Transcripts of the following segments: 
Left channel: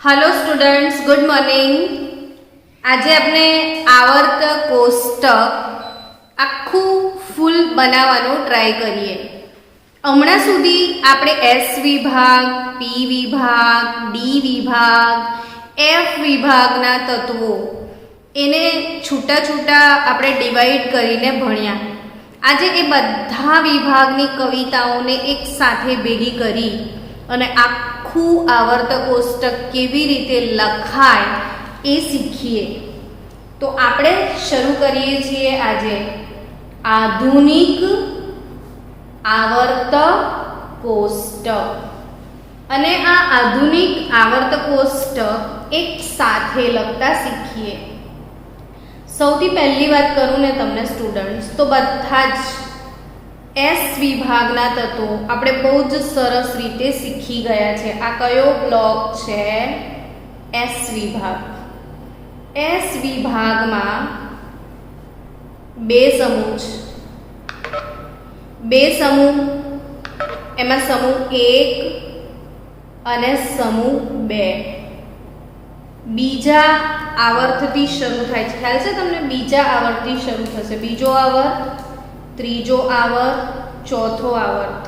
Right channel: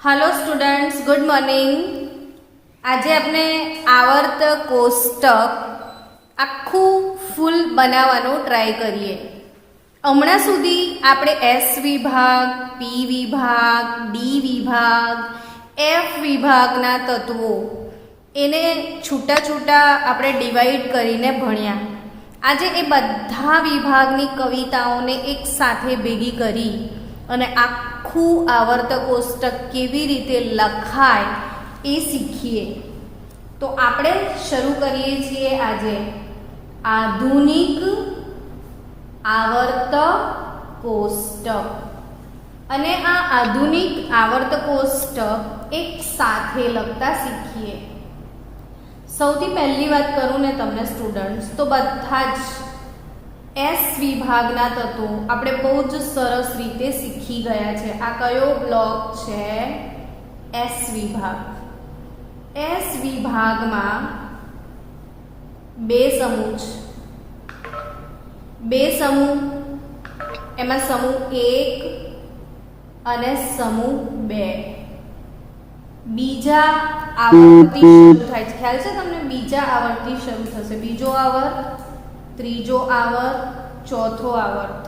Hello students, good morning. आज આપણે આવર્ત કોષ્ટક આખું ફૂલ બનાવવાનો ટ્રાય કરીએ। હમણાં સુધી આપણે એસ વિભાગ, પી વિભાગ, ડી વિભાગ, એફ વિભાગના તત્વો એને છૂટા છૂટા આપણે ડિવાઈડ કરીને ભણ્યા। આજે એ બધા વિભાગની કવિતાઓને એક સાથે ભેગી કરી અને આખું આવર્ત કોષ્ટક કેવી રીતે લખાય એ શીખીએ। તો આપણે શરૂ કરીએ છીએ આજે આધુનિક આવર્ત કોષ્ટક। અને આ આધુનિક આવર્ત કોષ્ટક એક સાથે લખતા શીખીએ। સૌથી પહેલી વાત કરું ને તમને સ્ટુડન્ટ્સ, તો બધા જ એસ વિભાગના તત્વો આપણે બહુ જ સરસ રીતે શીખી ગયા છે। આ કયો બ્લોક છે? એસ વિભાગ। એસ વિભાગમાં બે સમૂહ છે, બે સમૂહ, એમાં સમૂહ 1 અને સમૂહ 2 બીજા આવર્તથી શરૂ થાય છે। ખ્યાલ છે તમને? બીજા આવર્તથી શરૂ થશે। બીજો આવર્ત, ત્રીજો આવર્ત, ચોથો આવર્ત,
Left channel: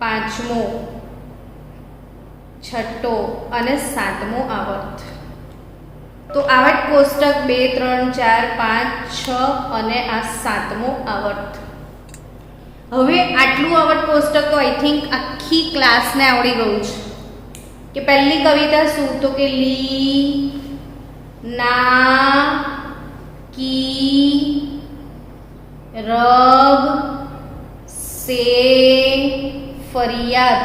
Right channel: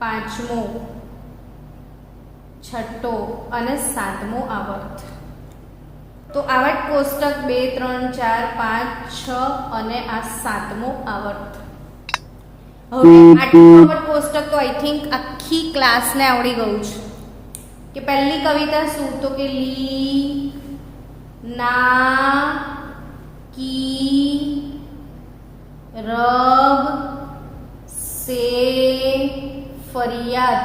પાંચમો, છઠ્ઠો અને સાતમો આવર્ત। તો આવર્ત કોષ્ટક 2, 3, 4, 5, 6 અને આ સાતમો આવર્ત। હવે આટલું આવર્ત કોષ્ટક તો આઈ થિંક આખી ક્લાસને આવડી ગયું છે કે પહેલી કવિતા શું? તો કે લી ના की रब से फरियाद।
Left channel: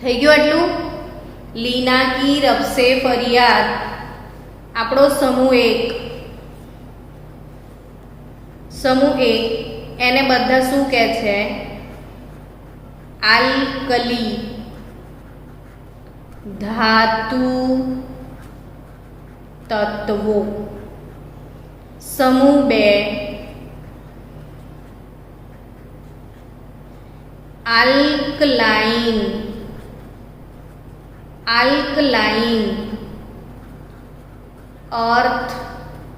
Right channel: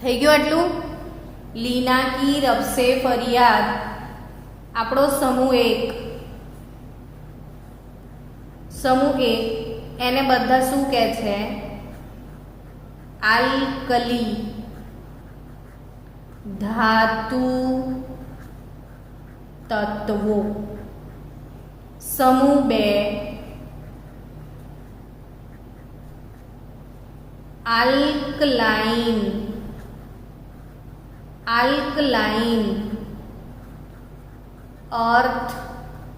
થઈ ગયું આટલું? લીના કી રબ સે ફરિયાદ આપણો સમૂહ 1। સમૂહ 1 એને બધા શું કહે છે? આલ્કલી ધાતુ તત્વો। समूह 2 आल्कलाइन, आल्कलाइन अर्थ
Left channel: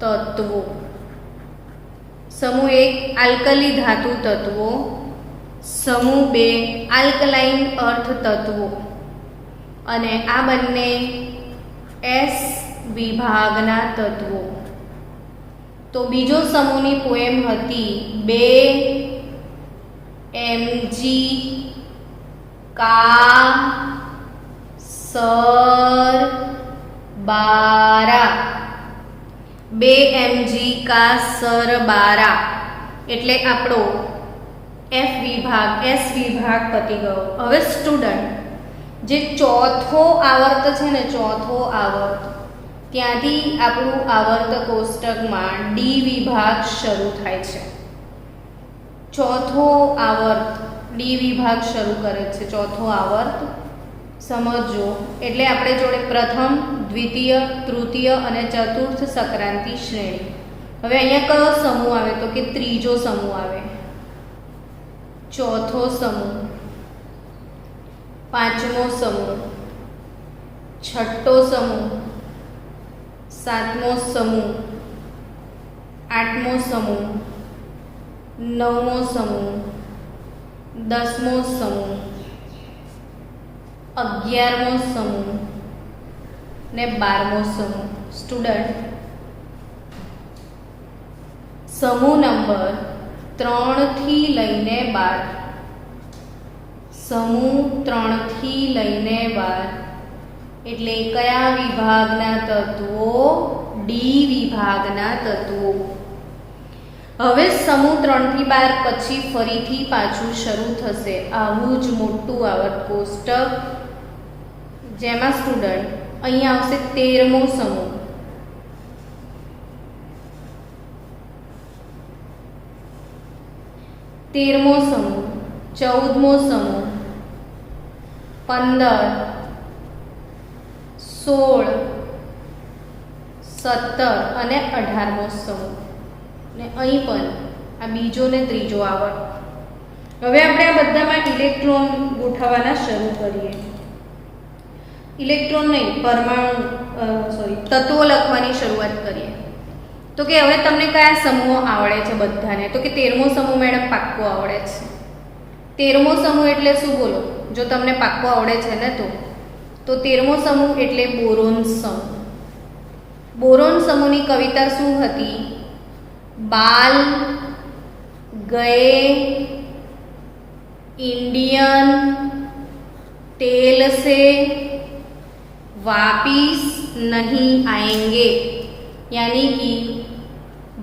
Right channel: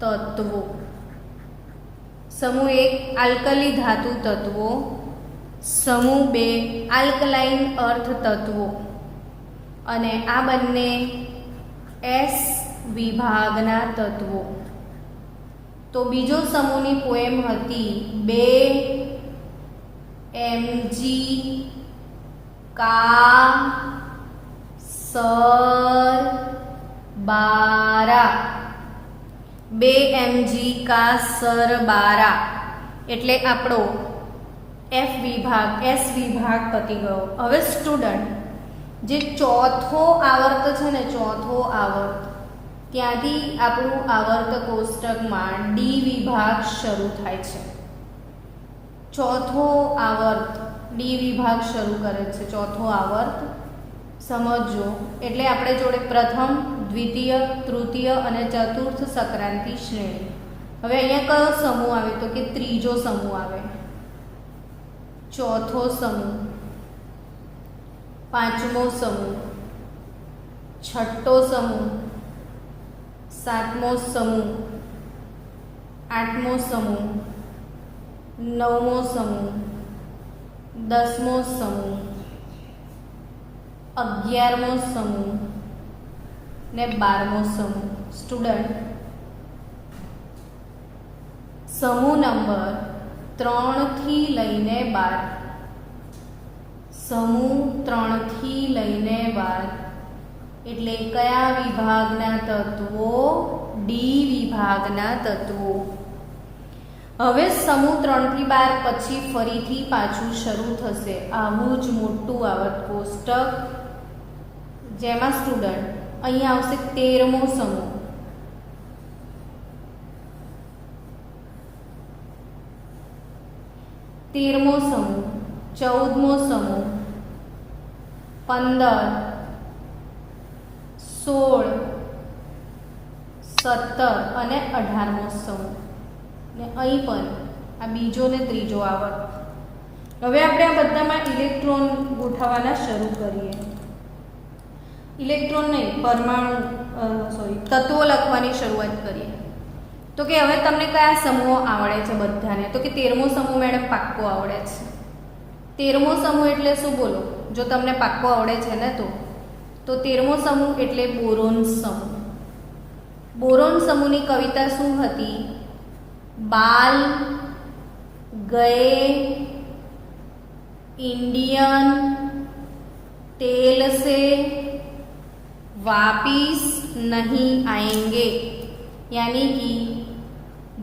तत्वों। समूह 1 आल्कली धातु तत्वों, समूह 2 आल्कलाइन अर्थ तत्वों। અને આ બંને એસ વિભાગના તત્વો। તો બીજો સમૂહની પોએમ હતી 2 mg का सर 12। 2 mg का सर 12 એટલે આપણો એફ વિભાગ, એસ વિભાગ પતી ગયો। હવે સ્ટુડન્ટ, જે ચોથો આવર્ત છે ને, ચોથો આવર્ત, ત્યાંથી આપણું આવર્ત કોષ્ટકમાં ડી વિભાગ શરૂ થાય છે। ચોથો આવર્ત ડી વિભાગ શરૂ કરે છે। ચોથો આવર્ત સમજો એટલે આપણે જોડે પ્રથમ, દ્વિતીય, તૃતીય અને ચતુર્થ સંક્રાંતિ શ્રેણી। હવે અહીંયા કયો સમૂહ આવે? તો કે ત્રીજો સમૂહ આવે। ચોથો સમૂહ, પાંચમો સમૂહ, છઠ્ઠો સમૂહ, સાતમો સમૂહ, આઠમો સમૂહ, નવમો સમૂહ, 10મો સમૂહ, 11મો સમૂહ ને 12મો સમૂહ। સ્ટુડન્ટ, સમૂહ નંબર 3 થી લઈને 12, સમૂહ 3 થી લઈને 12 એટલે કયા વિભાગના તત્વો? ડી વિભાગના તત્વો। હવે સમૂહ 3 થી 12 પછી ફરીથી પાછું શરૂ થશે આવું જ મોટું આવર્ત કોષ્ટક, જેમાં સ્ટુડન્ટ અહીંયા આવશે 13મો સમૂહ, 13મો સમૂહ, 14મો સમૂહ, 15, 16, 17 અને 18મો સમૂહ ને અહીં પણ આ બીજો ને ત્રીજો આવર્ત। હવે આપણે આ બધામાં ઇલેક્ટ્રોન ગોઠવવાના શરૂ કરીએ। ઇલેક્ટ્રોન નહીં, પરમાણુ તત્વો લખવાની શરૂઆત કરીએ. તો કે હવે તમને કયા સમૂહો આવડે છે બધાને? તો કે 13મો સમૂહ મેડમ પાક્કો આવડે છે. 13મો સમૂહ એટલે શું બોલો? જો તમને પાક્કો આવડે છે ને તો 13મો સમૂહ એટલે બોરોન સમૂહ. બોરોન સમૂહની કવિતા શું હતી? બાલ ગયે इंडियन तेल से वापिस नहीं आएंगे, यानी कि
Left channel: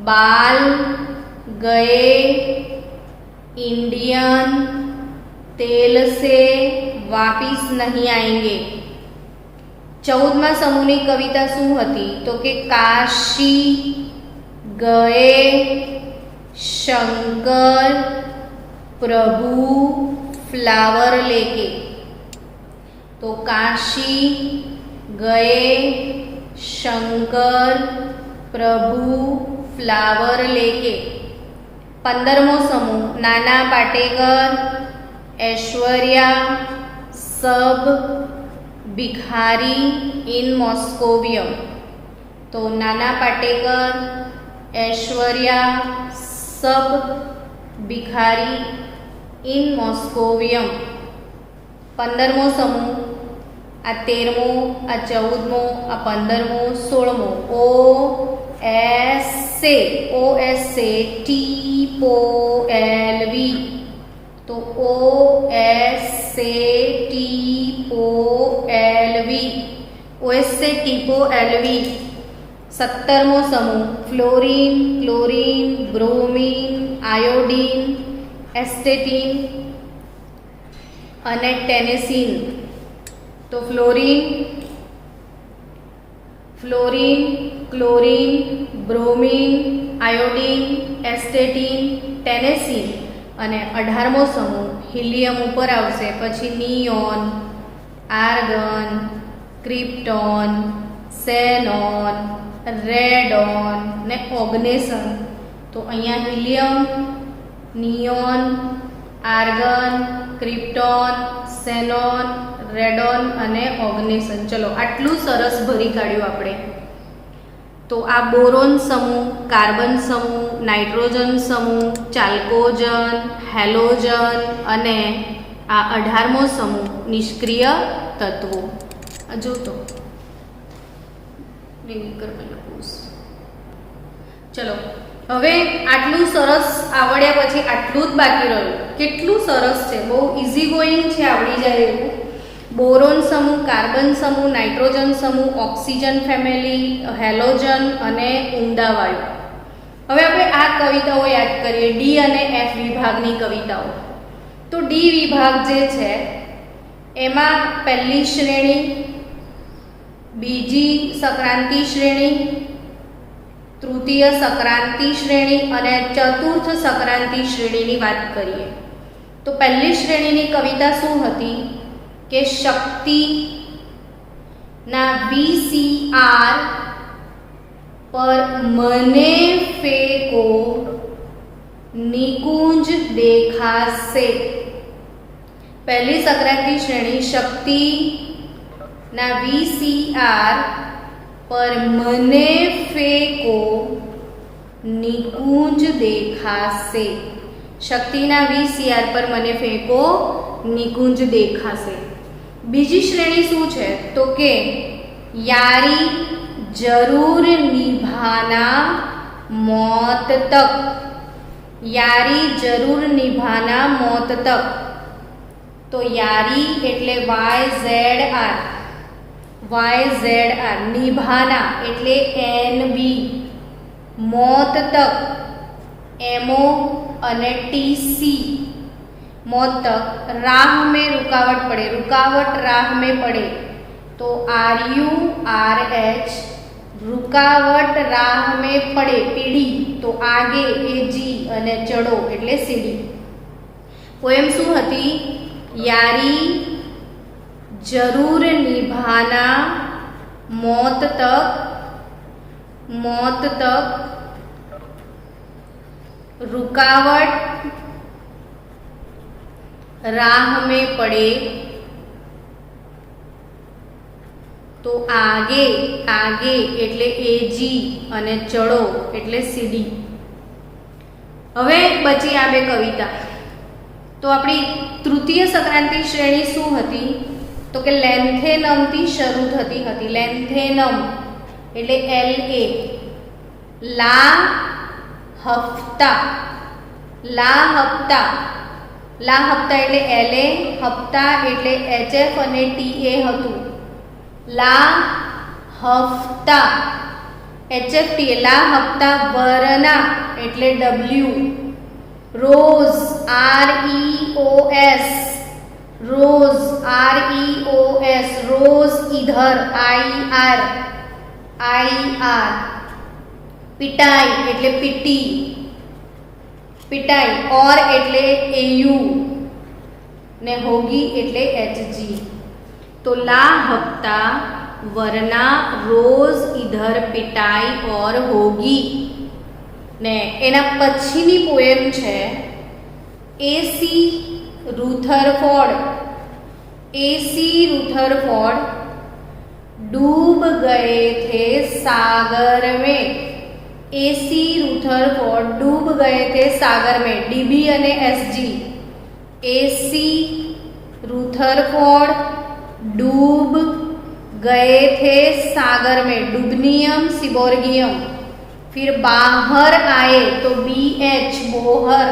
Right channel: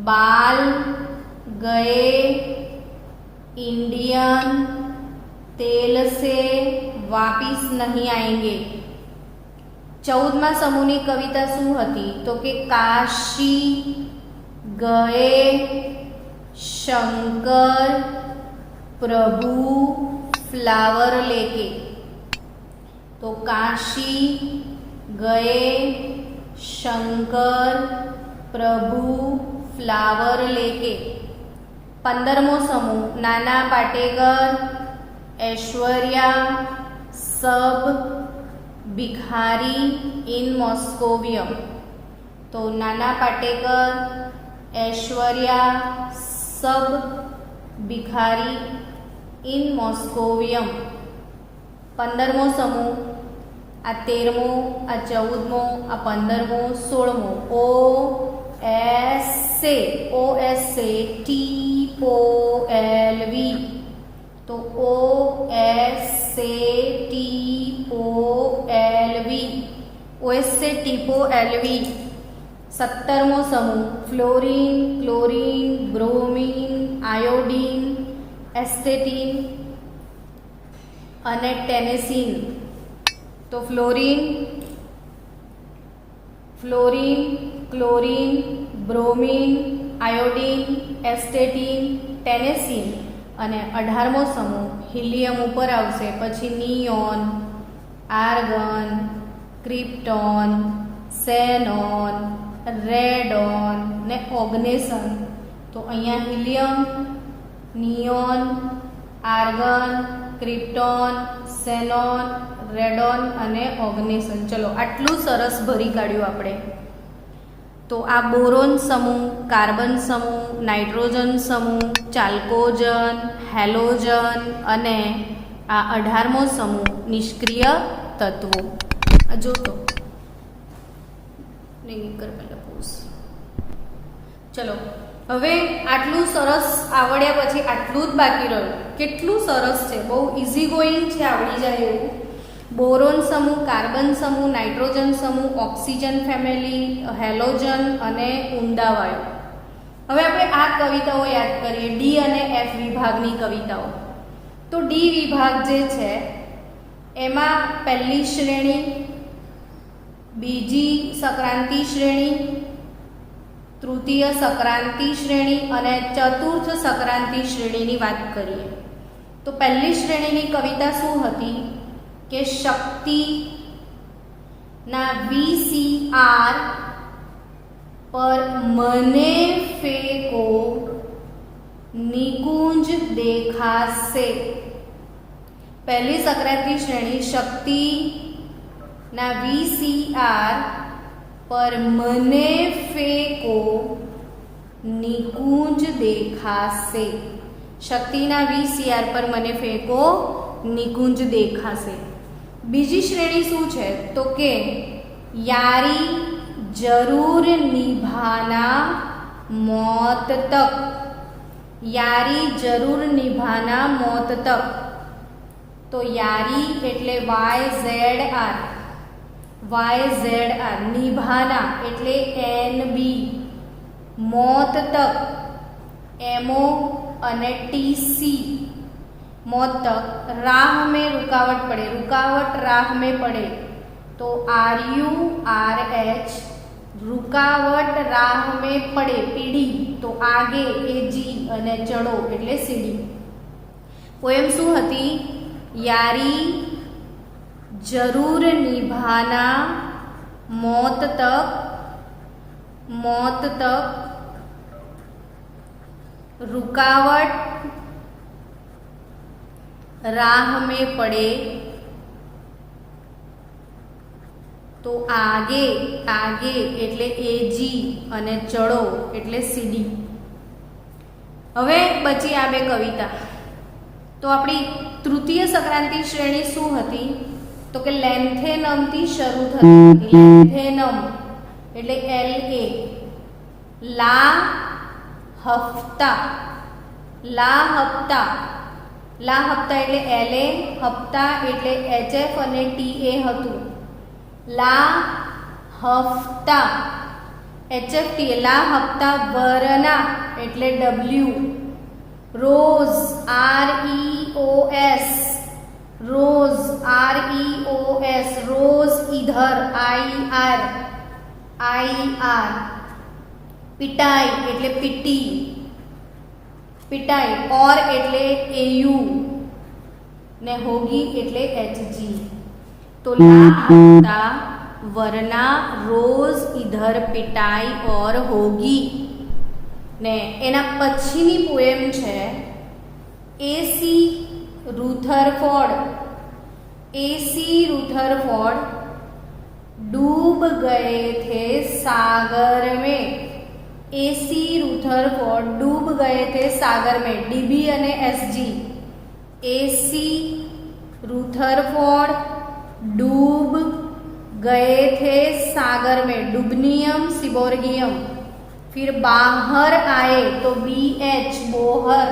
बाल गए इंडियन तेल से वापिस नहीं आएंगे. 14મા સમૂહની કવિતા શું હતી? તો કે કાશી ગયે शंकर प्रभु फ्लावर लेके. तो काशी गए शंकर प्रभु फ्लावर लेके. 15मो समूह नाना पाटेकर ऐश्वर्या सब भिखारी इन मॉस्कोवियम. तो नाना पाटेकर ऐश्वर्या सब भिखारी इन मॉस्कोवियम. 15મો સમૂહ, આ 13મો, આ 14મો, આ 15મો, 16મો. O S से TOLV. तो OS से TOLV. OS से TOLV. 17મો સમૂહ fluorine, chlorine, bromine, iodine, astatine અને ટેનેસીન. તો fluorine, chlorine, bromine, iodine, astatine, tennessine. અને 18મો સમૂહ હિલિયમ ઉપર આવશે, પછી neon, argon, krypton, xenon, radon ને ઓગ્નેસન. તો અહીંયા helium, neon, argon, krypton, xenon, radon અને ઓગ્નેસન. ચલો આટલું સરસ ભરી કાઢ્યું આપણે. તો આ બોરોન સમૂહ, કાર્બન સમૂહ, નાઇટ્રોજન સમૂહ, ચાલ્કોજન, હેલોજન અને આ 18મો સમૂહ નિષ્ક્રિય તત્વો. જો તો ચલો હવે આટલું સરસ આવડ્યા પછી આટલું જ બાકી રહ્યું. કેટલું સરસ છે, બહુ ઇઝી ગોઈંગ છે, આવડી જાય એવું. બોરોન સમૂહ, કાર્બન સમૂહ, નાઇટ્રોજન સમૂહ, ઓક્સિજન ફેમિલી, હેલોજન અને ઊંડા વાયુ. હવે આપણે આ કવિતાઓ યાદ કરીએ, ડી અને એફ વિભાગની કવિતાઓ. તો ડી વિભાગ જે છે એમાં પહેલી શ્રેણી, બીજી સંક્રાંતિ શ્રેણી, તૃતીય સંક્રાંતિ શ્રેણી અને ચતુર્થ સંક્રાંતિ શ્રેણીની વાત કરીએ. તો પહેલી શ્રેણીની કવિતા શું હતી કે શક્તિના VCR પર મને ફેંકો નિકુંજ દેખાશે. પહેલી સંક્રાંતિ શ્રેણી શક્તિના VCR पर मने फेंको निकुंज देखासे. शक्तिना VCR पर मने फेंको निकुंज देखासे. बीजी श्रेणी शू है तो के यारी जरूर निभाना मौत तक. यारी जरूर निभाना मौत तक. तो यारी एटले YZR, निभाना एटले NB, मौत तक MO અને TC, मौत तक. राह में रुकावट पड़े, रुकावट राह में पड़े तो RURH, रुकावट राह में पड़े पीढ़ी तो आगे AG અને ચડો એટલે સીડી. પોએમ શું હતી? यारी जरूर निभाना मौत तक, मौत तक रुकावट राह में पड़े તો આગે આગે એટલે એજી અને ચડો એટલે સીડી. હવે બચી આ બે કવિતા. તો આપણી તૃતીય સંક્રાંતિ શ્રેણી શું હતી? તો કે લેન્થેનમથી શરૂ થતી હતી. લેન્થેનમ એટલે LA. લા હફ્તા, લા હપ્તા, લા હપ્તા એટલે LA, હપ્તા એટલે HF અને TA હતું. લા હફ્તા HFT, લા હપ્તા વરના એટલે W. Rose REOS, rose REOS, rose ઇધર IR. पिटाई એટલે પીટી, पिटाई और એટલે AU ને होगी એટલે HG. तो ला हफ्ता वरना रोज इधर पिटाई और होगी ने एना पछीनी पोएम छे AC रुथरफोर्ड डूब गए थे सागर में. AC रुथरफोर्ड डूब गए थे सागर में. DB અને SG. AC रुथरफोर्ड डूब गए थे सागर में. डुबनियम सिबोर्गियम. फिर बाहर आए तो BH बोहर,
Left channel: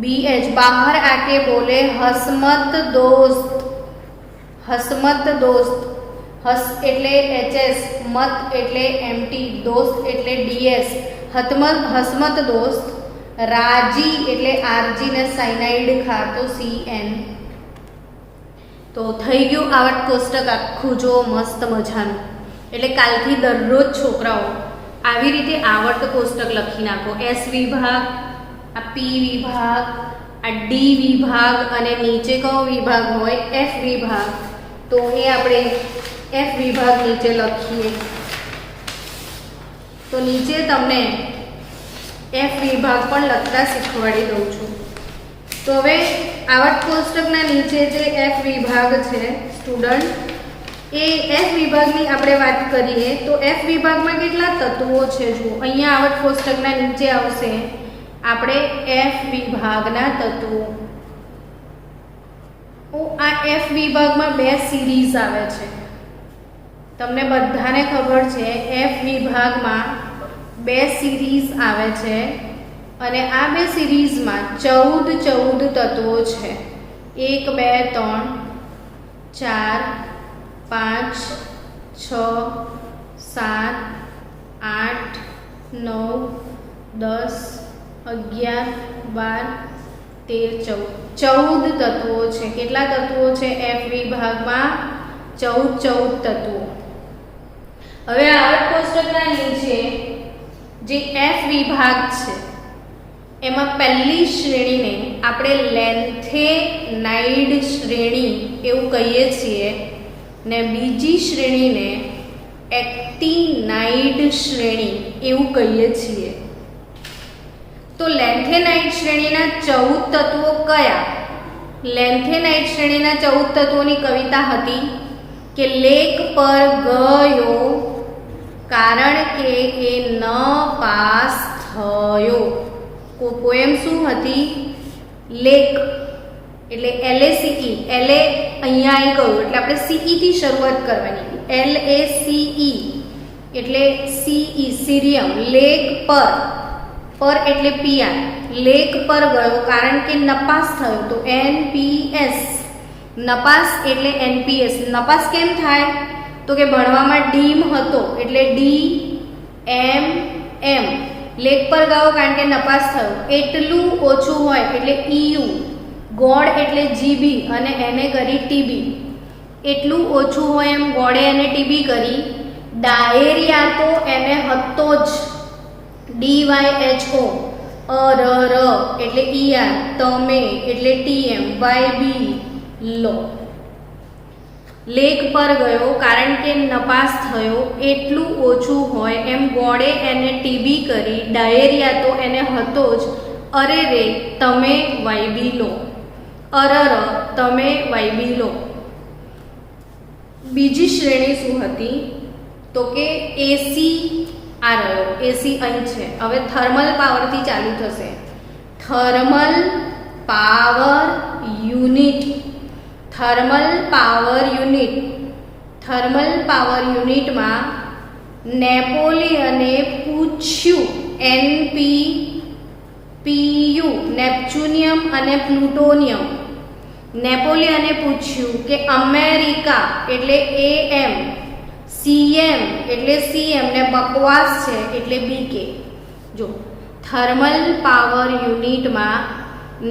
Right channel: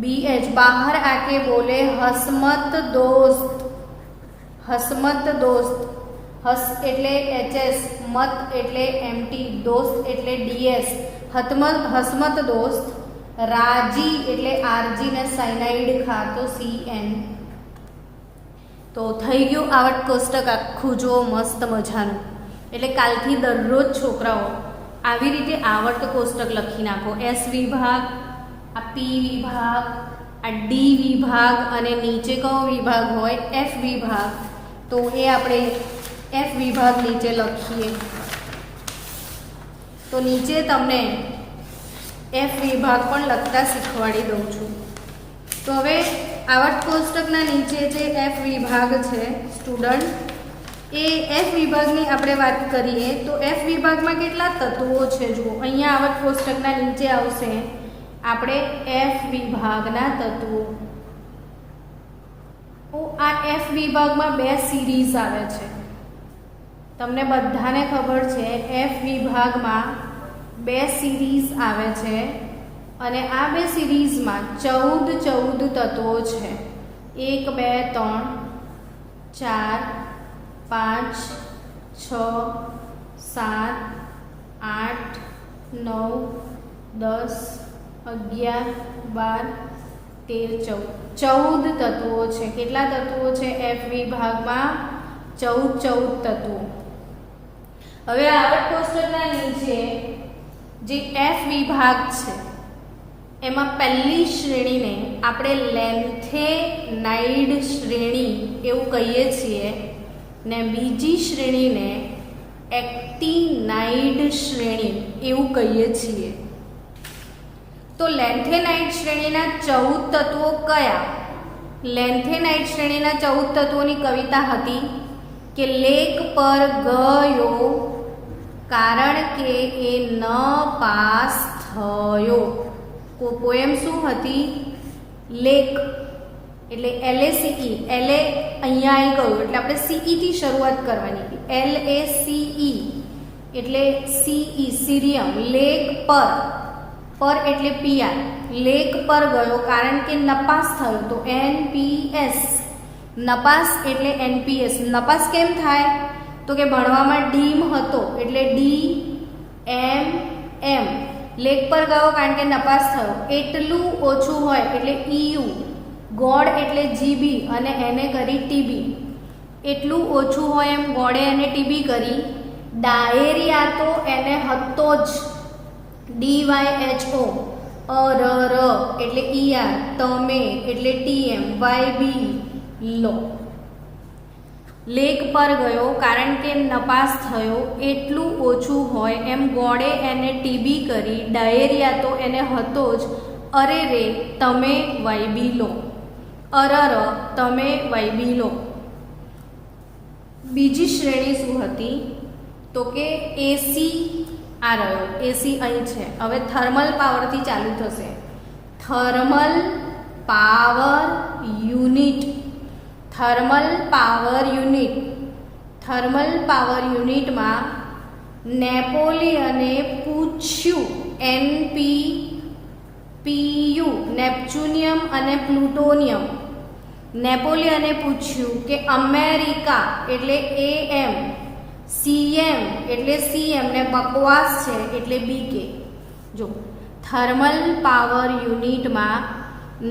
BH बाहर आके बोले हसमत दोस्त, हसमत दोस्त. हस એટલે HS, મત એટલે MT, દોસ્ત એટલે DS. હસમત દોસ્ત. રાજી એટલે RG ને સાયનાઇડ ખાતો CN. તો થઈ ગયું આવર્ત કોષ્ટક આખું જો મસ્ત મજાનું. એટલે કાલથી દરરોજ છોકરાઓ આવી રીતે આવર્ત કોષ્ટક લખી નાખો. S વિભાગ, આ P વિભાગ, આ D વિભાગ અને નીચે કયો વિભાગ હોય? F વિભાગ. તો એ આપણે F વિભાગ નીચે લખીએ. તો નીચે તમને F વિભાગ પણ લખતા શીખવાડી દઉં છું. તો હવે આવર્ત કોષ્ટકના નીચે જે F વિભાગ છે સ્ટુડન્ટ, એ F વિભાગની આપણે વાત કરીએ તો F વિભાગમાં કેટલા તત્વો છે? જુઓ અહીંયા આવર્ત કોષ્ટકના નીચે આવશે આપણે F વિભાગના તત્વો. આ F વિભાગમાં બે સિરીઝ આવે છે. તમને બધાને ખબર છે F વિભાગમાં બે સિરીઝ આવે છે અને આ બે સિરીઝમાં 14 તત્વો છે. 1 2 3 4 5 6 7 8 9 10 11 12 13 14 તત્વો છે. કેટલા તત્વો છે F વિભાગમાં? 14 તત્વો. હવે આવર્ત કોષ્ટકના નીચે જે F વિભાગ છે એમાં પહેલી શ્રેણીને આપણે લેન્થેનાઇડ શ્રેણી એવું કહીએ છીએ ને બીજી શ્રેણીને એક્ટિનાઇડ શ્રેણી એવું કહીએ છીએ. તો લેન્થેનાઇડ શ્રેણીના 14 તત્વો કયા? લેન્થેનાઇડ શ્રેણીના 14 તત્વોની કવિતા હતી કે લેક પર ગયો કારણ કે એ ન પાસ થયો. પોએમ શું હતી? લેક એટલે LACE. LA અહીંયા આવી ગયું એટલે આપણે CE થી શરૂઆત કરવાની હતી. LACE એટલે CE સીરિયમ. લેક પર, પર એટલે PI. લેક પર ગયો કારણ કે નપાસ થયો તો NPS. નપાસ એટલે NPS. નપાસ કેમ થાય? તો કે ભણવામાં ડીમ હતો એટલે DMM. લેક પર ગયો કારણ કે નપાસ થયો. એટલું ઓછું હોય એટલે EU. ગોળ એટલે GB અને એને કરી TB. એટલું ઓછું હોય એમ ગોળે અને TB કરી. ડાયેરિયા તો એને હતો જ DYHO. અરર એટલે ER. તમે એટલે TM. YB લો. લેક પર ગયો કારણ કે નપાસ થયો. એટલું ઓછું હોય એમ ગોળે એને TB કરી. ડાયેરિયા તો એને હતો જ. અરે રે તમે YB લો. અરર તમે YB લો. બીજી શ્રેણી શું હતી તો કે એસી આ રહ્યો, એસી અહીં છે. હવે થર્મલ પાવરથી ચાલુ થશે. Thermal power unit, thermal power unit. Thermal power યુનિટમાં નેપોલિયને પૂછ્યું, NPPU, નેપ્ચ્યુનિયમ અને પ્લુટોનિયમ. નેપોલિયને પૂછ્યું કે અમેરિકા એટલે AM, CM એટલે CM ને બકવાસ છે એટલે BK. જો થર્મલ પાવર યુનિટમાં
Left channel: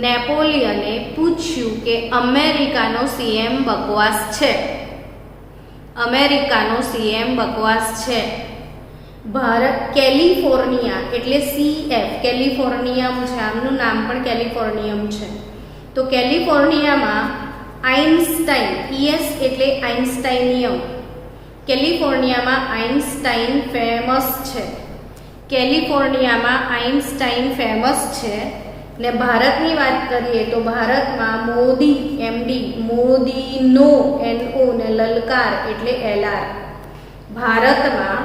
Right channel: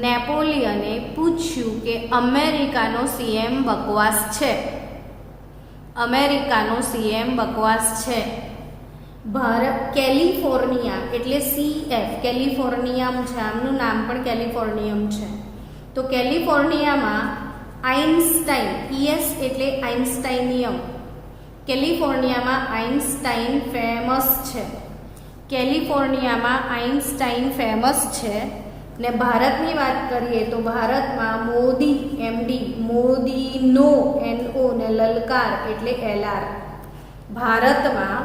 નેપોલિયને પૂછ્યું કે અમેરિકાનો CM બકવાસ છે, અમેરિકાનો CM બકવાસ છે. ભારત કેલિફોર્નિયા એટલે CF, કેલિફોર્નિયમ છે, આમનું નામ પણ કેલિફોર્નિયમ છે. તો કેલિફોર્નિયામાં આઇન્સ્ટાઇન, ES એટલે આઇન્સ્ટાઇનિયમ. કેલિફોર્નિયામાં આઇન્સ્ટાઇન ફેમસ છે, કેલિફોર્નિયામાં આઇન્સ્ટાઇન ફેમસ છે. ને ભારતની વાત કરીએ તો ભારતમાં મોદી, MD, મોદીનો NO ને લલકાર એટલે LR. ભારતમાં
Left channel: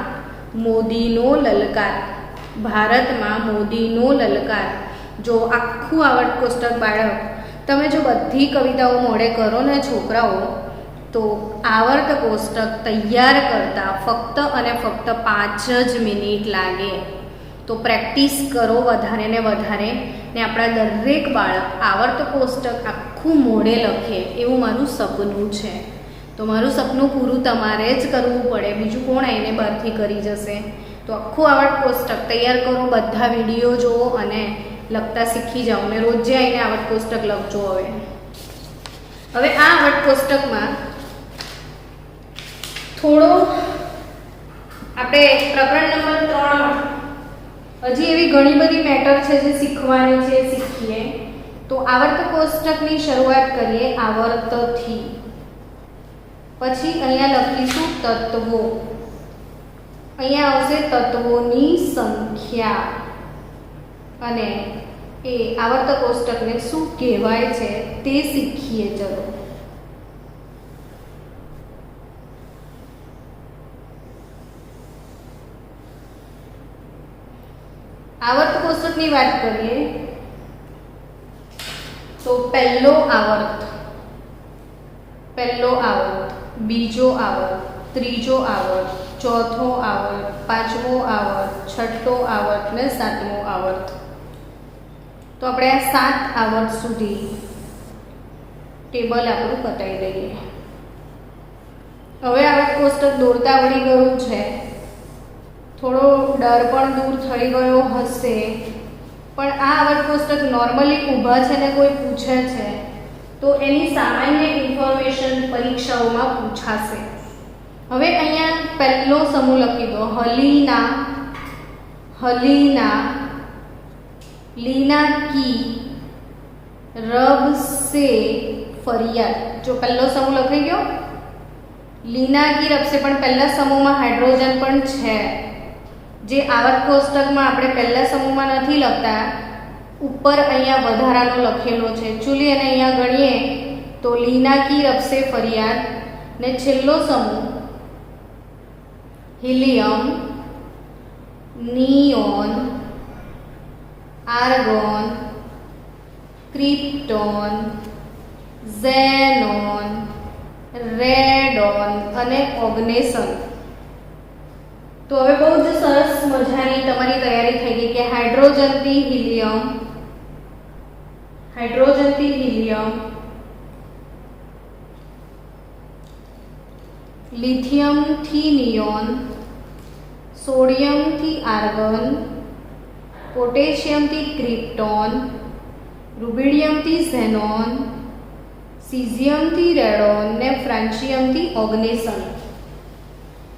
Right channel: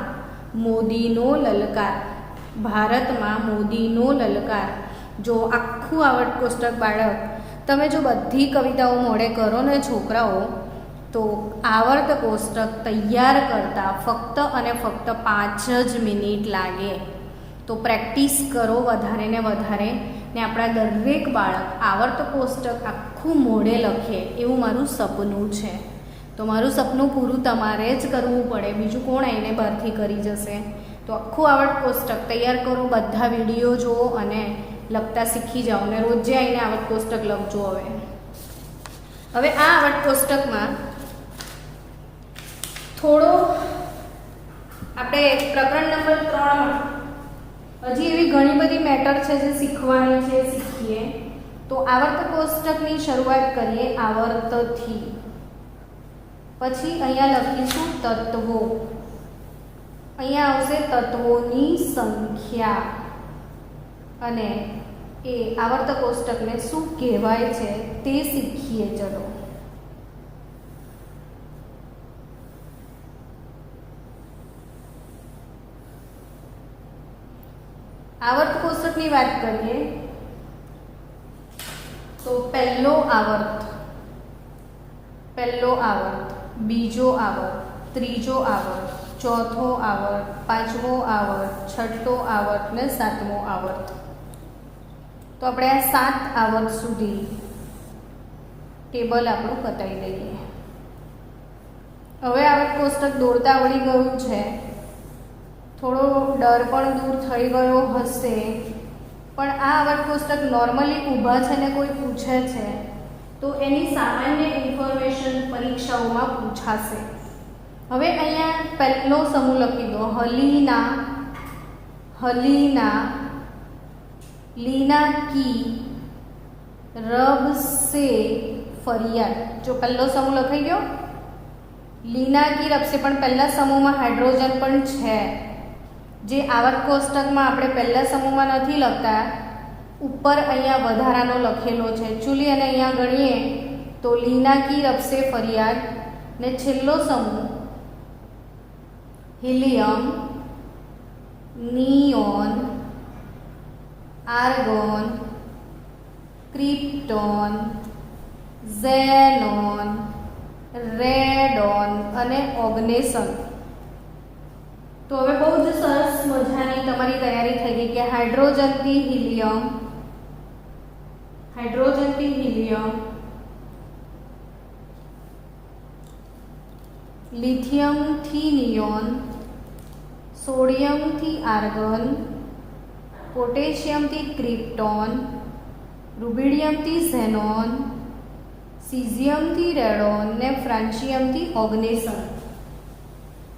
મોદીનો લલકાર, ભારતમાં મોદીનો લલકાર. જો આખું આવર્ત કોષ્ટક બાળક તમે જો બધી કવિતાઓ મોડે કરો ને છોકરાઓ, તો આવર્ત કોષ્ટક તૈયાર કરતા ફક્ત અને ફક્ત 5 જ મિનિટ લાગે. તો પ્રેક્ટિસ કરો વધારે ને વધારે, ને આપણા દરેક બાળક આવર્ત કોષ્ટક આખું મોડે લખે એવું મારું સપનું છે. તો મારું સપનું પૂરું તમારે જ કરવું પડે, બીજું કોણ આવીને બહારથી કરી જશે. તો આખું આવર્ત કોષ્ટક તૈયાર કરો, બધા વિડીયો જુઓ અને લખતા શીખી જાઓ ને રોજે આવીને આવર્ત કોષ્ટક લખજો. હવે આ આવર્ત કોષ્ટકમાં થોડો આપણે પ્રકરણ નંબર 3 હજી એવી ઘણી બધી મેટર છે જે શીખવાની છે, શીખીએ. તો આવર્ત કોષ્ટકની શરૂઆત કરીએ આવર્તથી. પછી અહીંયા લખીશું તત્વો, અહીંયા આવશે તત્વોની સંખ્યા, અને એ આવર્ત કોષ્ટકને શું કહેવાય છે તે શીખીએ. ચલો આવર્ત કોષ્ટકની વાત કરીએ તો પહેલો આવર્ત, બીજો આવર્ત, ત્રીજો આવર્ત, ચોથો આવર્ત, પાંચમો આવર્ત, છઠ્ઠો આવર્ત ને સાતમો આવર્ત. તો આપણે આ 7 આવર્ત સુધી ટેબલ આપણું બતાવી દઈએ. હવે આવર્ત કોષ્ટક દોરતા આવડી ગયું છે, થોડો ડર પણ દૂર થઈ ગયો હશે. પણ આ આવર્ત કોષ્ટક નોર્મલી ઊભા છે ને કોઈ પૂછે છે તો એની સામાન્ય ઇન્ફોર્મેશન પરીક્ષાઓમાં પૂછાશે. હવે અહીંયા પહેલો સમૂહ લખી દો, હલીના, હલીના, લીના કી, રબ સે ફરિયાદ. જો પહેલો સમૂહ લખાઈ ગયો, લીના કી રબ સે, પણ પહેલા સમૂહમાં હાઇડ્રોજન પણ છે, જે આવર્ત કોષ્ટકમાં આપણે પહેલા સમૂહમાં નથી લખતા, ઉપર અહીંયા વધારાનો લખેલો છે. ચૂલી અને અહીંયા ગણીએ તો લીના કી રબ સે ફરિયાદ, ને છેલ્લો સમૂહ helium, neon, argon, krypton, xenon, radon અને ઓગ્નેસન. તો હવે બહુ જ સરસ મજાની તમારી તૈયારી થઈ ગઈ કે હાઇડ્રોજનથી હિલિયમ, હાઇડ્રોજનથી હિલિયમ, લિથિયમથી નિયોન, સોડિયમથી આર્ગોન, પોટેશિયમથી ક્રિપ્ટોન, રૂબિડિયમથી ઝેનોન, સીઝિયમથી રેડોન ને ફ્રાન્સિયમથી ઓગ્નેસન.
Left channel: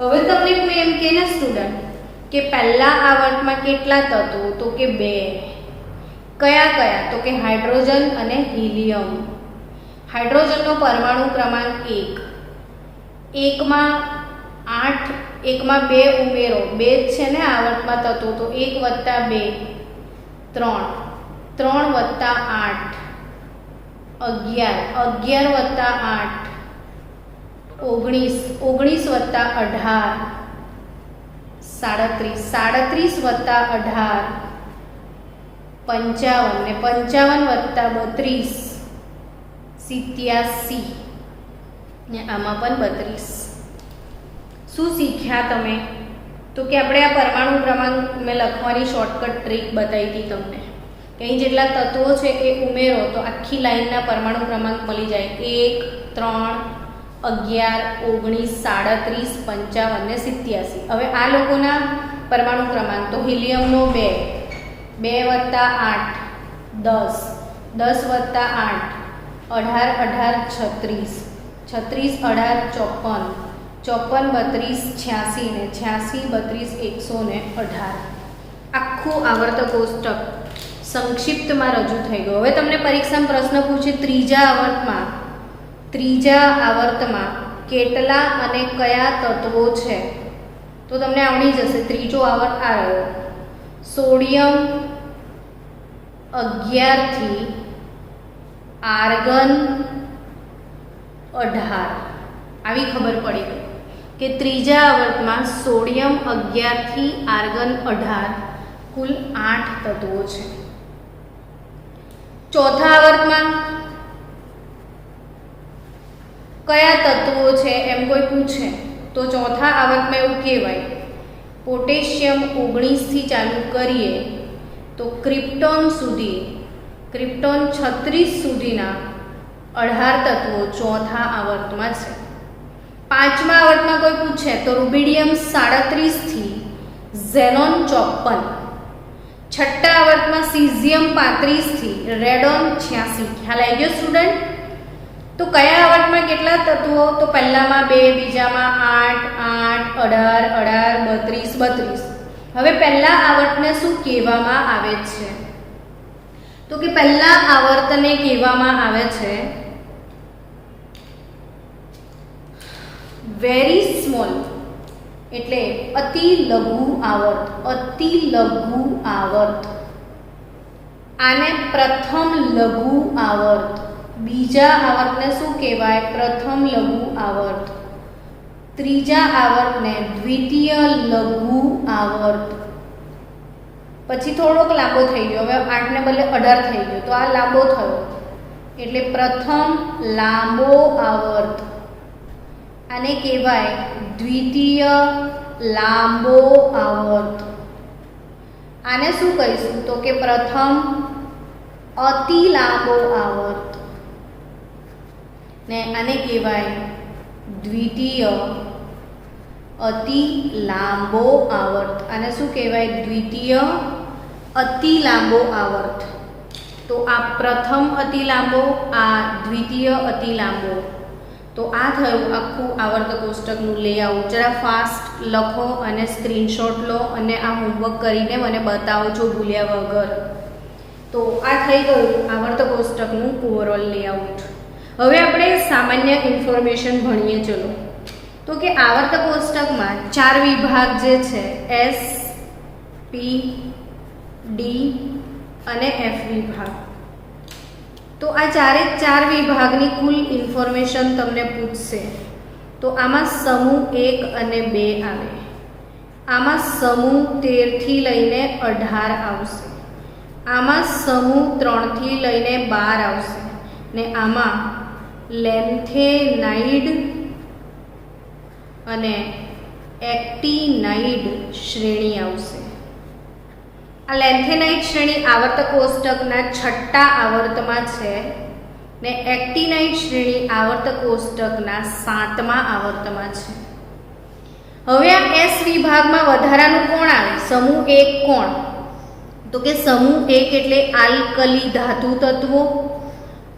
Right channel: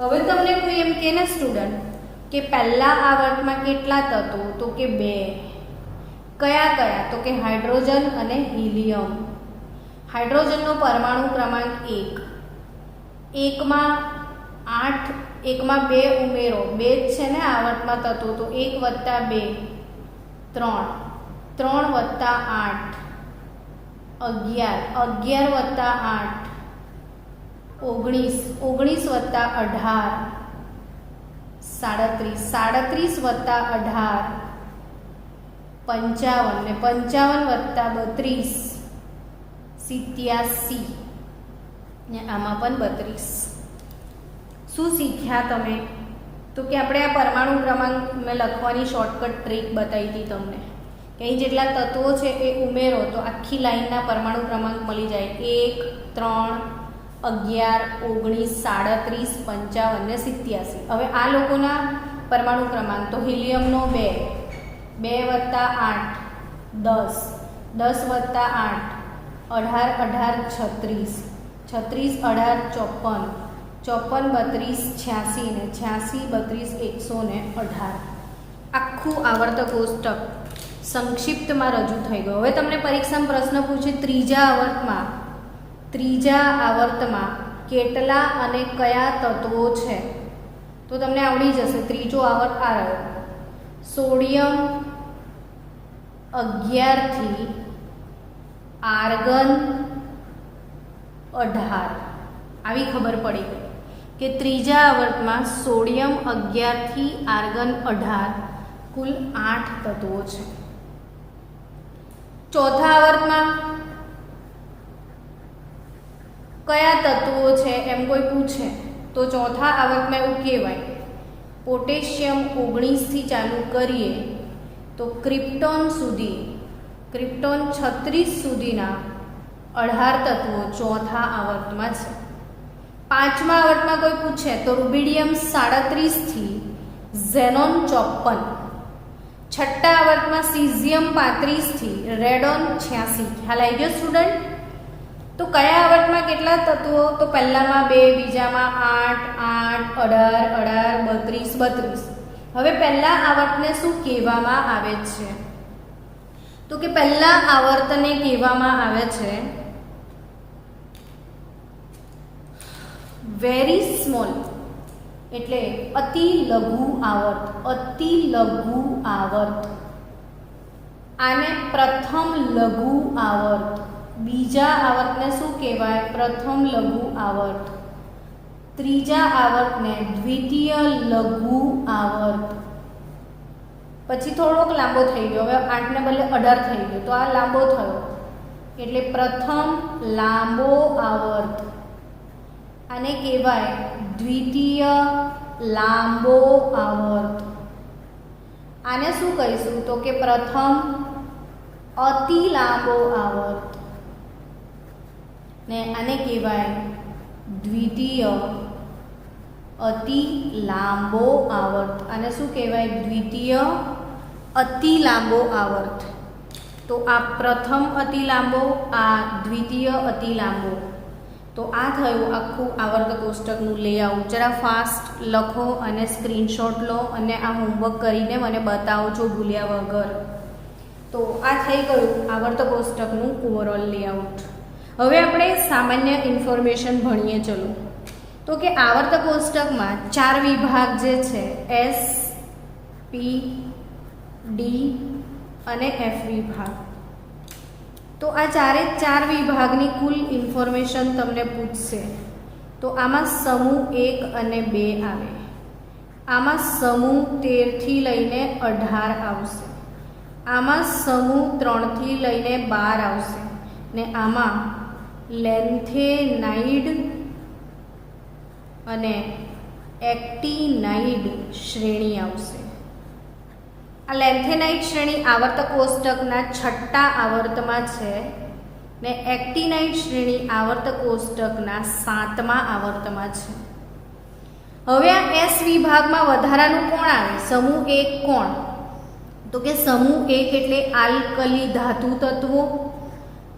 હવે તમને કોઈ એમ કહે ને સ્ટુડન્ટ કે પહેલા આવર્તમાં કેટલા તત્વો, તો કે 2. કયા કયા, તો કે હાઇડ્રોજન અને હિલિયમ. હાઇડ્રોજનનો પરમાણુ ક્રમાંક 1, એકમાં 8, એકમાં 2 ઉમેરો, 2 છે ને આવર્તમાં તત્વો, તો 1 + 2 3, 3 + 8 11, 11 + 8 19, 19 વત્તા 18 37, 37 વત્તા 18 55 ને 55 વત્તા 32 87 ને આમાં પણ 32. શું શીખ્યા તમે? તો કે આપણે આ પરમાણુ ક્રમાંક મેં લખવાની શોર્ટકટ ટ્રીક બતાવી હતી તમને કે અહીં જેટલા તત્વો છે એ ઉમેરો તો આખી લાઈનના પરમાણુ ક્રમાંક મળી જાય 1, 3, 11, 19, 37, 55 ને 87. હવે આ લોકોના પરમાણુ ક્રમાંક તો હિલિયમનો 2, 2 વત્તા 8 10, 10 વત્તા 8 18, 18 36, 36 18 54, 54 32 86 ને 86 32 118. આખું આવર્ત કોષ્ટક સંક્ષિપ્તમાં રજૂ થઈ ગયું. હવે તમને પરીક્ષામાં પ્રશ્ન પૂછે ત્રીજા આવર્તમાં કેટલા અને કયા તત્વો છે? તો તમને આવડી જશે. ત્રીજો આવર્ત આ રહ્યો, સોડિયમ 11 થી આર્ગન 18. આવી ખબર પડી ગઈ કે ત્રીજા આવર્તમાં સોડિયમ 11 થી આર્ગન 18 કુલ 8 તત્વો છે. ચોથા આવર્તમાં કયા તત્વો છે એમ કોઈ પૂછે તો ચોથા આવર્તમાં એવું કહેવાય, પોટેશિયમ 19 થી ચાલુ કરીએ તો ક્રિપ્ટોન 36 સુધીના 18 તત્વો ચોથા આવર્તમાં છે. પાંચમા આવર્તમાં કોઈ પૂછે તો રૂબિડિયમ 37 થી ઝેનોન 54. છઠ્ઠા આવર્તમાં સીઝિયમ 35 થી રેડોન 86. ખ્યાલ આવી ગયો સ્ટુડન્ટ? તો કયા આવર્તમાં કેટલા તત્વો? તો પહેલામાં 2, બીજામાં 8, 8, 18, 18, 32. હવે પહેલા આવર્તને શું કહેવામાં આવે છે? તો કે પહેલા આવર્તને કહેવામાં આવે છે વેરી સ્મોલ, એટલે અતિ લઘુ આવર્ત. અતિ લઘુ આવર્ત. આને પ્રથમ લઘુ આવર્ત. બીજા આવર્તને શું કહેવાય? પ્રથમ લઘુ આવર્ત. ત્રીજા આવર્તને દ્વિતીય લઘુ આવર્ત. પછી થોડોક લાંબો થઈ ગયો, હવે 8 ને બદલે 18 થઈ ગયો તો આ લાંબો થયો એટલે પ્રથમ લાંબો આવર્ત. આને કહેવાય દ્વિતીય લાંબો આવર્ત. આને શું કહીશું? તો કે પ્રથમ અતિ લાંબો આવર્ત ને આને કહેવાય દ્વિતીય અતિ લાંબો આવર્ત. આને શું કહેવાય? દ્વિતીય અતિ લાંબો આવર્ત. તો આ પ્રથમ અતિ લાંબો, આ દ્વિતીય અતિ લાંબો. તો આ થયું આખું આવર્ત કોષ્ટકનું લેઆઉટ. જરા ફાસ્ટ લખો અને સ્ક્રીનશોટ લો અને આ હોમવર્ક કરીને મને બતાવજો ભૂલ્યા વગર. તો આ થઈ ગયું આવર્ત કોષ્ટકનું ઓવરઓલ લેઆઉટ. હવે આપણે સામાન્ય ઇન્ફોર્મેશન ભણીએ. ચલો, તો કે આવર્ત કોષ્ટકમાં 4 વિભાગ જે છે S, P, D અને F વિભાગ. તો આ 4 વિભાગની કુલ ઇન્ફોર્મેશન તમને પૂછશે. તો આમાં સમૂહ 1 અને 2 આવે. આમાં સમૂહ 13 થી લઈને 18 આવશે. આમાં સમૂહ 3 થી લઈને 12 આવશે ને આમાં લેન્થેનાઇડ અને એક્ટિનાઇડ શ્રેણી આવશે. આ લેન્થેનાઇડ શ્રેણી આવર્ત કોષ્ટકના 6ઠ્ઠા આવર્તમાં છે ને એક્ટિનાઇડ શ્રેણી આવર્ત કોષ્ટકના 7મા આવર્તમાં છે. હવે આ S વિભાગમાં વધારાનું કોણ આવે? સમૂહ 1 કોણ? તો કે સમૂહ 1 એટલે આલ્કલી ધાતુ તત્વો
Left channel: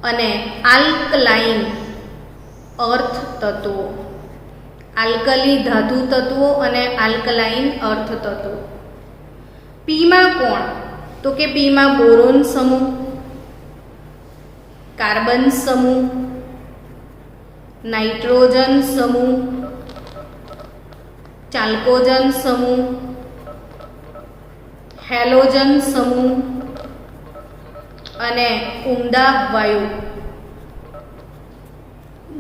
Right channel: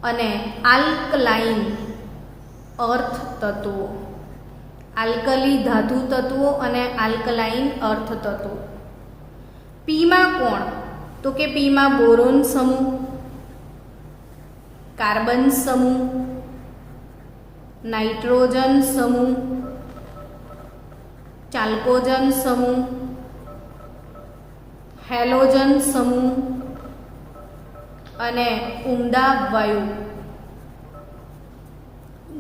અને આલ્કલાઇન અર્થ તત્વો. આલ્કલી ધાતુ તત્વો અને આલ્કલાઇન અર્થ તત્વો. P માં કોણ? તો કે P માં બોરોન સમૂહ, કાર્બન સમૂહ, નાઇટ્રોજન સમૂહ, ચાલ્કોજન સમૂહ, હેલોજન સમૂહ અને ઉમદા વાયુ.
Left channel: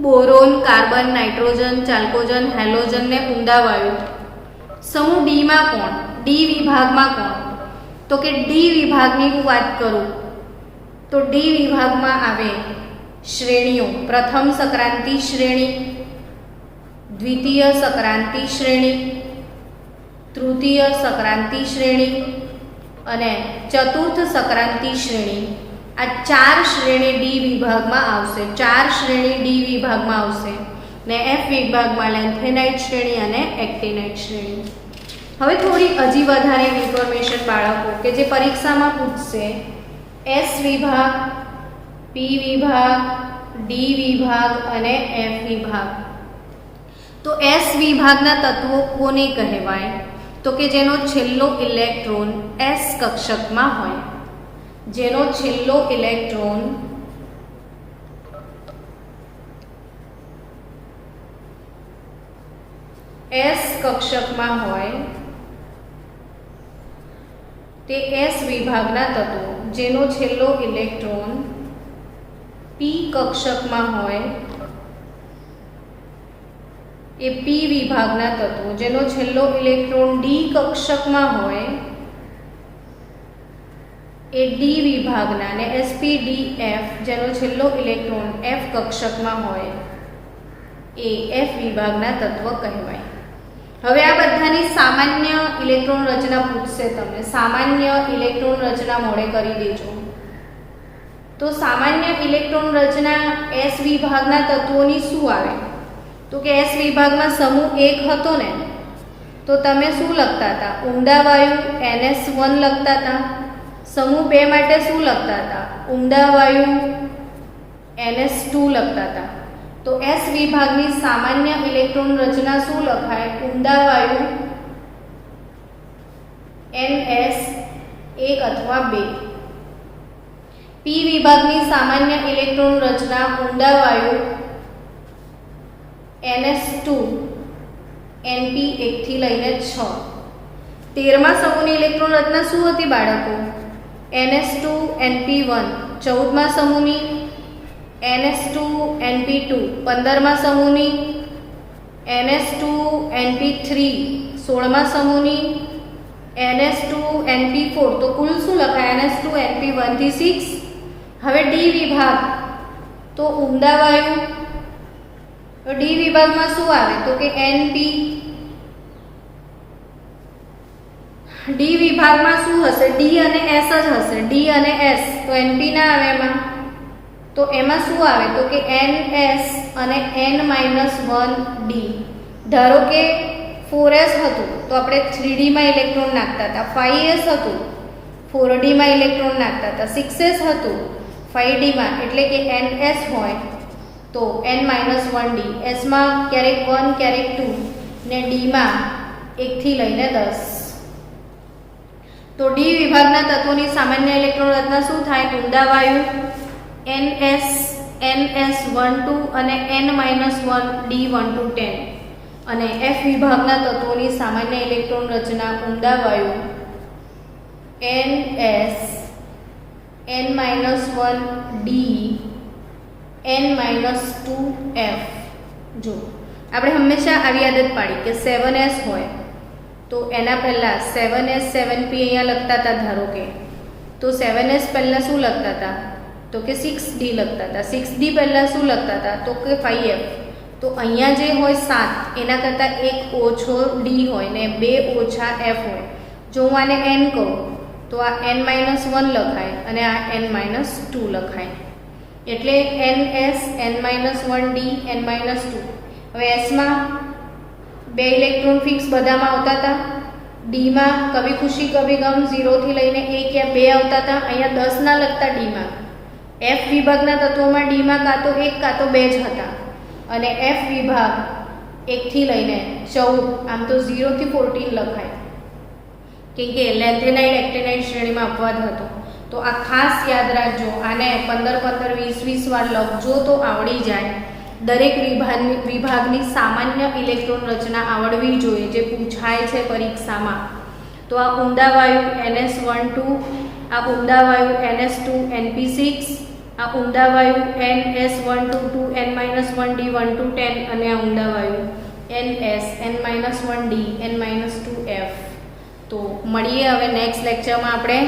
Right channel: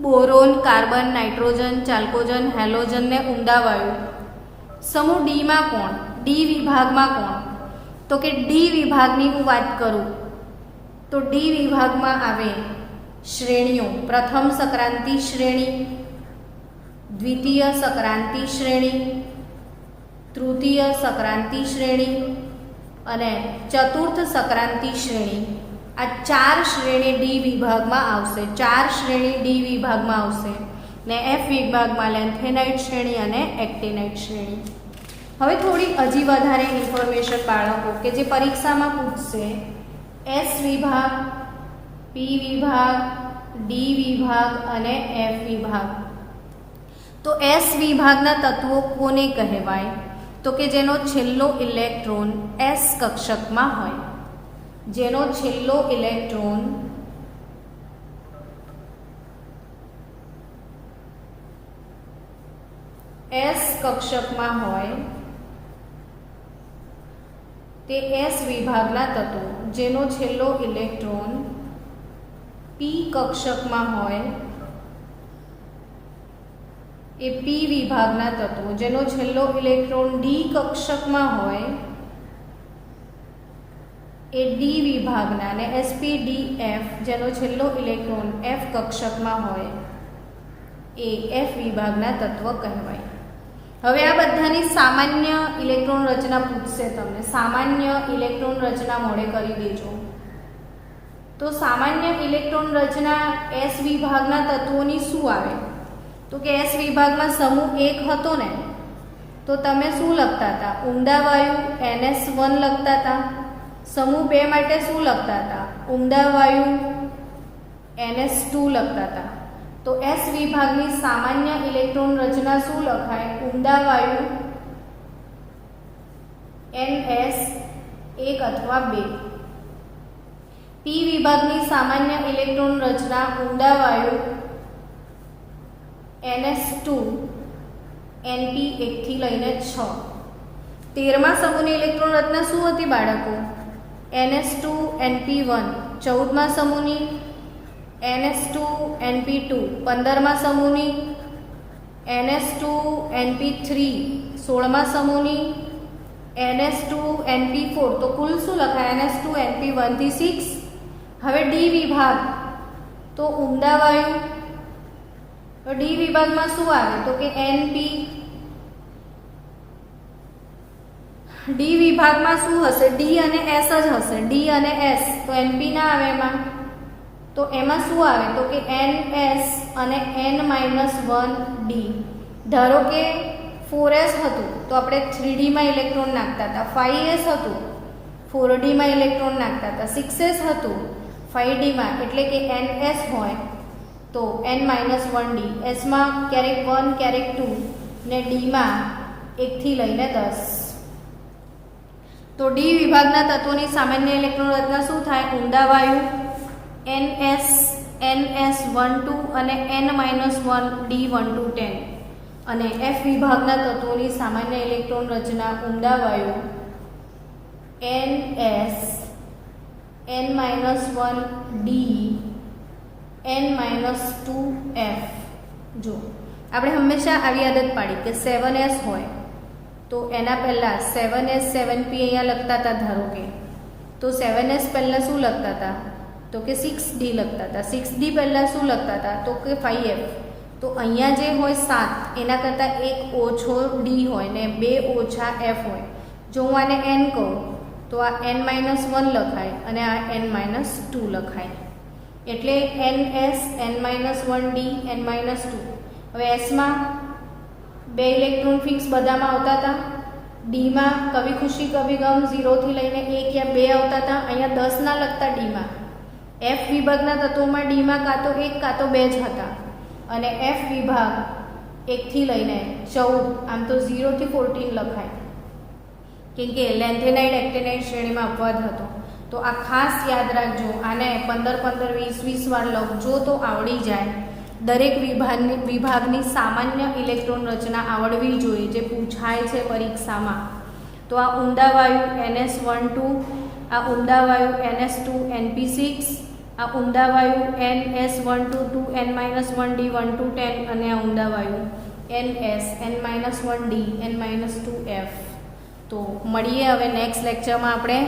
બોરોન, કાર્બન, નાઇટ્રોજન, ચાલ્કોજન, હેલોજન ને ઊંડા વાયુ. સમૂહ ડી માં કોણ? ડી વિભાગમાં કોણ? તો કે ડી વિભાગની હું વાત કરું તો ડી વિભાગમાં આવે શ્રેણીઓ. પ્રથમ સંક્રાંતિ શ્રેણી, દ્વિતીય સંક્રાંતિ શ્રેણી, તૃતીય સંક્રાંતિ શ્રેણી અને ચતુર્થ સંક્રાંતિ શ્રેણી. આ 4 શ્રેણી ડી વિભાગમાં આવશે. 4 શ્રેણી ડી વિભાગમાં આવશે ને એફ વિભાગમાં લેન્થેનાઇટ શ્રેણી અને એક્ટિનાઇટ શ્રેણી. હવે થોડી હજી વધારે ઇન્ફોર્મેશન બાળકો કે જે પરીક્ષામાં પૂછશે. એસ વિભાગ, પી વિભાગ, ડી વિભાગ અને એફ વિભાગ. તો એસ વિભાગના તત્વો કોને કહેવાય? તો કે જેનો છેલ્લો ઇલેક્ટ્રોન એસ કક્ષકમાં હોય. જેનો છેલ્લો ઇલેક્ટ્રોન એસ કક્ષકમાં હોય તે એસ વિભાગના તત્વો. જેનો છેલ્લો ઇલેક્ટ્રોન પી કક્ષકમાં હોય એ પી વિભાગના તત્વો. જેનો છેલ્લો ઇલેક્ટ્રોન ડી કક્ષકમાં હોય એ ડી વિભાગના ને sp_d_f જેનો છેલ્લો ઇલેક્ટ્રોન એફ કક્ષકમાં હોય એ એફ વિભાગના તત્વ કહેવાય. હવે આ બધાની સામાન્ય ઇલેક્ટ્રોન રચના પૂછશે તમને. સામાન્ય ઇલેક્ટ્રોન રચના મોડે કરી દેજો. તો સામાન્ય ઇલેક્ટ્રોન રચના એસ વિભાગના તત્વોની શું આવે? તો કે એસ વિભાગમાં સમૂહ 1 હતો ને, તો તમે શું લખતા હતા? ઊંડા વાયુ NS1 લખતા હતા. સમૂહ 2 માટે શું લખતા હતા? ઊંડા વાયુ NS2 લખતા હતા. તો એસ વિભાગની સામાન્ય ઇલેક્ટ્રોન રચના શું લખાય? ઊંડા વાયુ NS1 અથવા 2. પી વિભાગની સામાન્ય ઇલેક્ટ્રોન રચના ઊંડા વાયુ NS2 NP 1 થી લઈને 6. 13મા સમૂહની ઇલેક્ટ્રોન રચના શું હતી બાળકો? NS2 NP1. 14મા સમૂહની NS2 NP2. 15મા સમૂહની NS2 NP3. 16મા સમૂહની NS2 NP4. તો કુલ શું લખાય? NS2 NP1 થી 6. હવે ડી વિભાગ તો ઊંડા વાયુ. તો ડી વિભાગમાં શું આવે? તો કે NP. ડી વિભાગમાં શું હશે? ડી અને એસ જ હશે. ડી અને એસ. તો NP ના આવે એમાં. તો એમાં શું આવે? તો કે NS અને N-1D. ધારો કે 4s હતું તો આપણે 3D માં ઇલેક્ટ્રોન નાખતા હતા. 5s હતું 4D માં ઇલેક્ટ્રોન નાખતા હતા. 6s હતું 5D માં, એટલે કે NS હોય તો N-1D. S માં ક્યારેક 1 ક્યારેક 2 ને D માં 1 થી લઈને 10. તો ડી વિભાગના તત્વોની સામાન્ય ઇલેક્ટ્રોન રચના શું થાય? ઊંડા વાયુ NS NS12 અને N-1D12 10. અને એફ વિભાગના તત્વોની સામાન્ય ઇલેક્ટ્રોન રચના ઊંડા વાયુ NS N-1D N-2F. જો આપણે હંમેશા આવી આદત પાડી કે 7s હોય તો એના પહેલાં 7s 7p અહીંયા લખતા હતા. ધારો કે તો 7s પહેલાં શું લખતા હતા? તો કે 6D લખતા હતા. 6D પહેલાં શું લખતા હતા? તો કે 5F. તો અહીંયા જે હોય 7 એના કરતાં 1 ઓછો D હોય ને 2 ઓછા F હોય. જો હું આને N કહું તો આ N-1 લખાય અને આ N-2 લખાય. એટલે NS N-1D N-2. હવે એસમાં 2 ઇલેક્ટ્રોન ફિક્સ બધામાં આવતા હતા. ડીમાં કભી ખુશી કભી ગમ 0 થી લઈને 1 યા 2 આવતા હતા. અહીંયા 10 ના લખતા ડીમાં. એફ વિભાગના તત્વોમાં ડીમાં કાં તો 1 કાં તો 2 જ હતા. અને એફ વિભાગ 1 થી લઈને 14, આમ તો 0 થી 14 લખાય કેમ કે લેન્થેનાઇટ એક્ટિનાઇટ શ્રેણીમાં અપવાદ હતો. તો આ ખાસ યાદ રાખજો. આને 15 15 20 વાર લખજો તો આવડી જાય. દરેક વિભાગની સામાન્ય ઇલેક્ટ્રોન રચના આવડવી જોઈએ જે પૂછાય છે પરીક્ષામાં. તો આ ઊંડા વાયુ NS12, આ ઊંડા વાયુ NS2 NP6, આ ઊંડા વાયુ NS122 N-1D 1 to 10 અને આ ઊંડા વાયુ NS N-1D N-2F. તો મળીએ હવે નેક્સ્ટ લેક્ચરમાં આપણે